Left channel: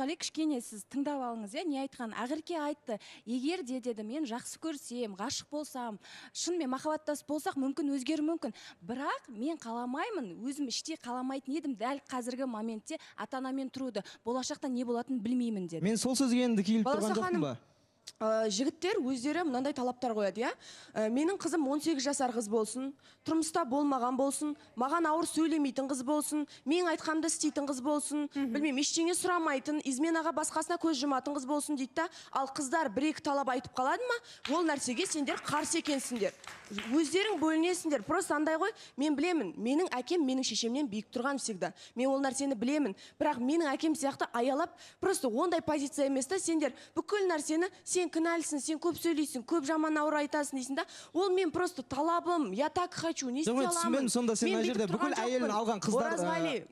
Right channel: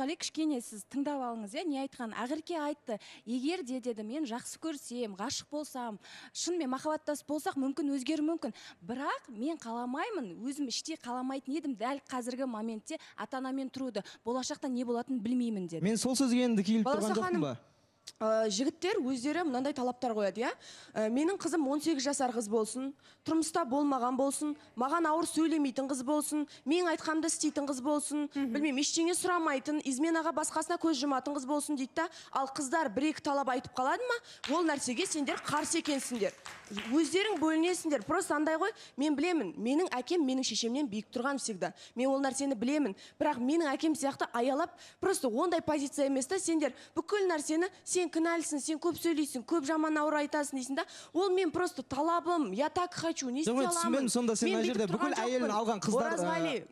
Кішкене сіз тыңдап алыңыз, не айтқан? Ақерке айтты, егер деді, мен жақсы көрсем, ғашық болсам, шынымен махаббаттас болсақ, мүмкін өзгеру мүмкін. Бірақ мен қаламаймын, өзім іште қаламайтын едім, дәл қазіргі моментте ата-анамен тұруды. Болашақта не болатынын білмеймін деді. Мен сол сөзге енді келіп тұрған жоқпын ба? Жігіттер өздері мынандай талаптар қояды, менің қызым 18 жасар қыз болсын, тұрмыста болмаған болсын, маған ауыр сөйлемейтін қыз болсын, мен айтқанымды істейтін қыз болсын, білмеймін, ештеңе сұрамайтын, изменаға басқасына көз жұматын қыз болсын дейді да, ал қыздар бір-екі талап айтып қалады ма, ол нәрсеге сендер қарсы екенсіңдер. Өздерің бөлінесіңдер. Просто андай ғой, мен білемін, менің әкем менің шешемнен биік тұрған всегда. Мен ол нәрсені білемін, бірақ менің әкем сияқты аялап, просто ондай позиция емес та, сендер бүкіл нәрсені сен кінәлісің, сен көп сөйлейсің, көп жаман ауыр айтасың дейсің да, ол мен просто талабым, я так хочу, не істей аламын. Сонда сен мына жерде бүкіл әйелін алған қыздар,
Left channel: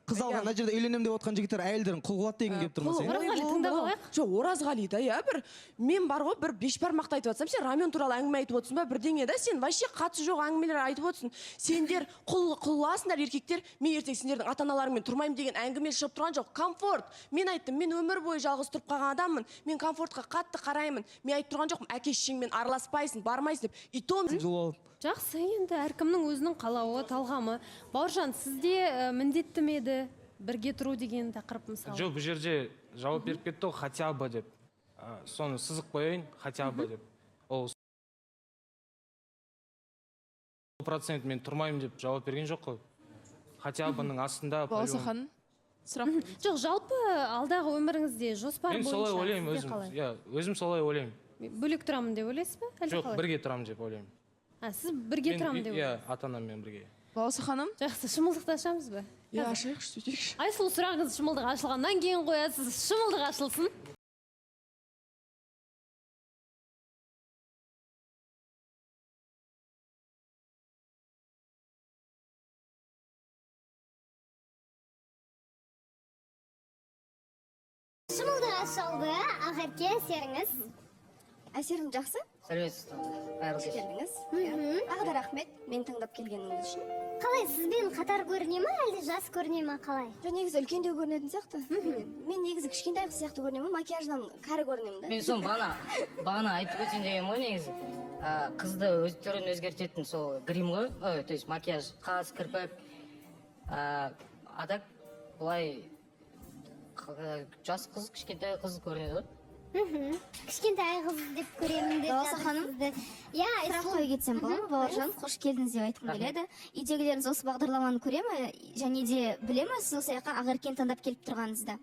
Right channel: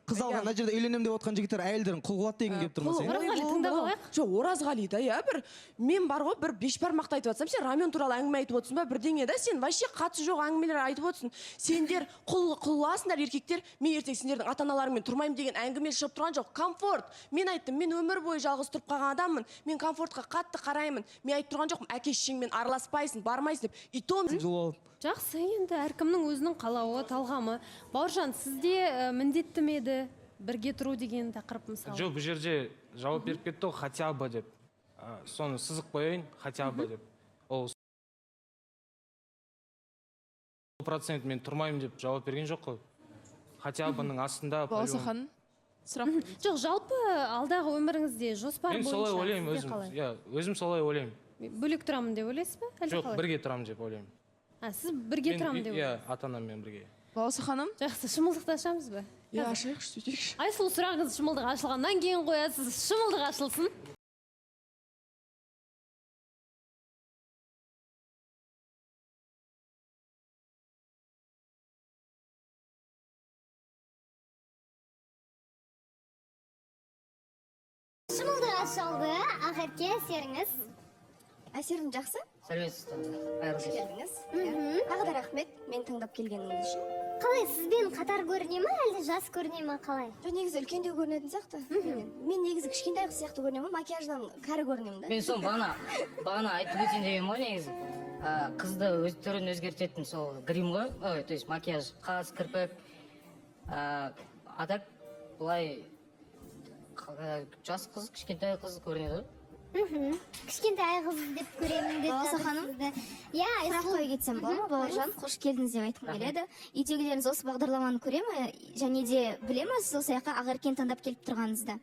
қыз алған мына жерде үйленем деп отқан жігіттер әйелдерін құл қылады деген келіп тұрмас. Оразғали тыңдап алайық. Жоқ, Оразғали да, бір мен бар ғой, бір бешбармақты айтып жатсам, сен рамен туралы әңгіме айтып отырсың ба, бірдеңе да, сен вообще қатысы жоқ әңгімелер айтып отырсың. Сендер құласыңдар еркектер, мен ертең сендердің ата-аналарыңмен тұрмаймын деген әңгіме шығып тұрған жоқ. Комфорт. Мен айттым, мен өмір бойы жалғыз тұрып қалған адаммын. Мен комфортқа қатты қараймын. Мен айтып тұрған жоқпын, әке-шешеңмен араласпайсың, бармайсың деп. И то жақсы, енді әркімнің өзінің қалауы, талғамы. Бауыржан, сізде міндетті ме еді бірге тұру деген тақырып мысалы? Жоқ, бұл жерде жауап беріп кетті, хотя бы деп. Соны сызық қояйын, хотя бы деп. Ол 100% мен тұрмаймын деп жауап берген жоқ қой. Хотя бының астында Баласа ханым, сұрақ. Жоқ, жалпы алдағы өміріңізде жоспар бойынша. Мен солай ойлаймын, өзім солай ойлаймын. Бөлек тұрамын деп ойлайсыз ба? Жоқ, бірге тұрамын деп ойлаймын. Сіз бірге тұрамын деп ойлайсыз? Иә, ата-анаммен бірге. Баласа ханым. Жақсы, шымылдықты ашамыз ба? ашайықшы, сөйтейікші. Айсұлу, сұрағыңыз шымылдық ашылғаннан кейін қоясыз, шымылдық ашылсын. Шымылдық ашылды, Ақерке, әсеріңіз? Әсерім жақсы. Сәлеметсіз, қайырлы кеш. Келдіңіз. Тағы да рахмет, мен тыңдап келгеніңіз үшін. Қалай, сізбен қатар көріне ма, әлде жас көріне ма, қалай? Жоқ, негізі үлкендеу көрінетін сияқты. Мен негізі кішкентай қыз сияқты көрінемін, макияждан кәрі көрінемін да. Мен сол бағана айтып өтейін деген ғой негізі. Қызды өз түрін өзгертетін сол грим ғой, то есть макияж, қас, кірпік. А так былай жас қыз, кішкентай қыз көрінеді ғой. Кішкентай қыз деп көремін деп Баласа ханым, сұрақ қойып кетсем болады ма, Бауыржан? Қош келдіңіз деп айтқым келеді. Үйдегілеріңіз осы бағдарламаны көре ме, және де біле ме сіз осы жаққа Ақеркені таңдап келіп тұрғаныңызды?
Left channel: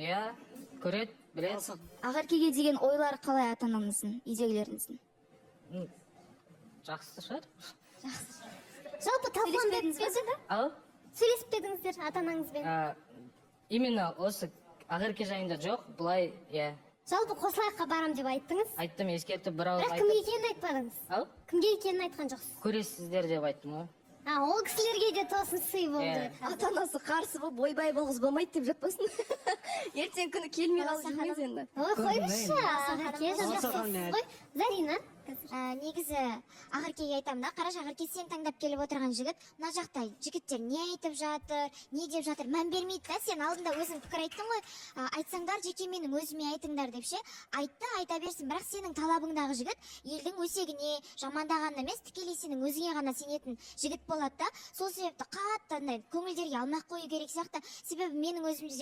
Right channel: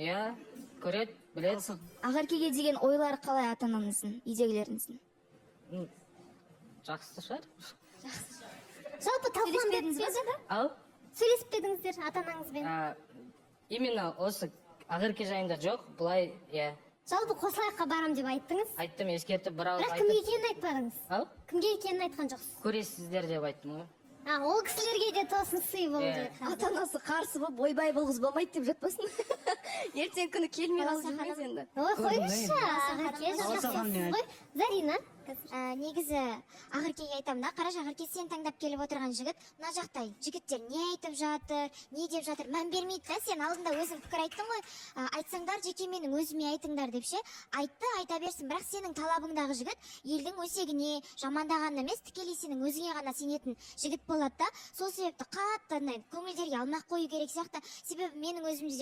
Иә, көреді, біледі. Ақеркеге деген ойлары қалай ата-анаңыздың, үйдегілеріңіздің? Жақсы шығар. жалпы талқыланбедіңіз бе? Сөйлесіп педіңіздер ата-анаңызбен? Именно осы Ақерке жайында жоқ, бұлай, иә. Жалпы қосылайыққа барам деп айттыңыз? Айттым, ескертіп, бір ауыз Бірақ айттым. кімге екенін айтпадыңыз? Кімге екенін айтқан жоқсыз? Көресіздер деп айттым ғой. Ол кісілерге де тосын сый болды. Ата-анасы қарсы болып, ойбай бұл қыз болмайды деп жатпасын. Ертең күні келмей қалып жүрмеңіз енді. Қойыңызшы, Ақерке, жазақсыз ғой. Зарина, негізі Ақеркеге айтамын да, қараш, Ақерке сен таңдап келіп отырған жігіт, мына жақта жігіттер не айтып жатыр, не деп жатыр, мән бермейді да, сен алдында өзің пікір айттың ғой, айтсаңдар жеке менің өзіме айтыңдар деп ше, айтты, айта берсін, бірақ сенің талабыңдағы жігіт елдің өсегіне жамандағаны емес, тікелей сенің өзіңе ғана сенетін жігіт болады да, сол себепті қатты көңілдерге алмақ қою керек сияқты, себебі менің өзімде